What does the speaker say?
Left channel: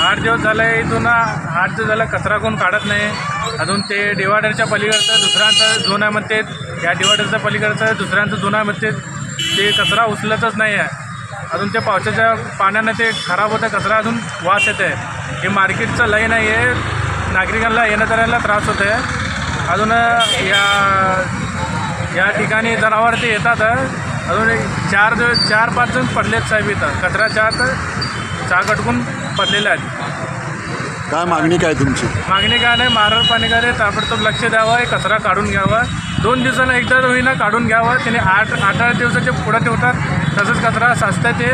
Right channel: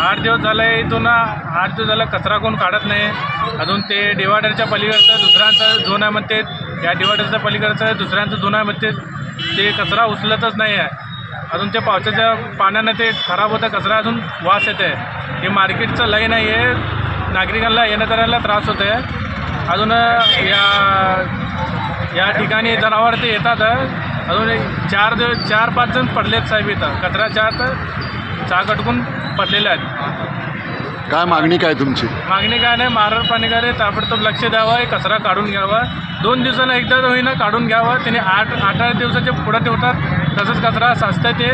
आठ दिवस झाले इथून आठ दिवस झालं कचरा कोण काढत नाही. अजून ते डिवायडरच्या पलीकडचं दुसऱ्यांचं झोन आहे म्हणते या डिवायडरच्या पलीकडचं दुसऱ्यांचं झोन आहे म्हणते ते कचरा उचलतच नाही आहे अजून ते पावसाच्या पाण्यानं ते खराब होतं कचरा अजून वास येते हे मार्केटचं लाईन आहे नागरिकांना येण्याजाण्याला त्रास होते अजून या या ठिकाणी जनावर ते येतात. अजून एक चार दिवस चार पाच जण पडलेत साहेब इथं. कचऱ्याच्या आत चाक अटकून पडलेले आहेत. काय मागणी काय तुमची? मागणी काय नाही पाणीकारे ताबडतोब लक्ष द्यावं हे कचरा काढून घ्यावा. दोन दिवसाला एकदा होईना काढून घ्यावं. त्याने आठ आठ आठ दिवसाचे पुढं ठेवतात. तसंच कचरा साचतं ते.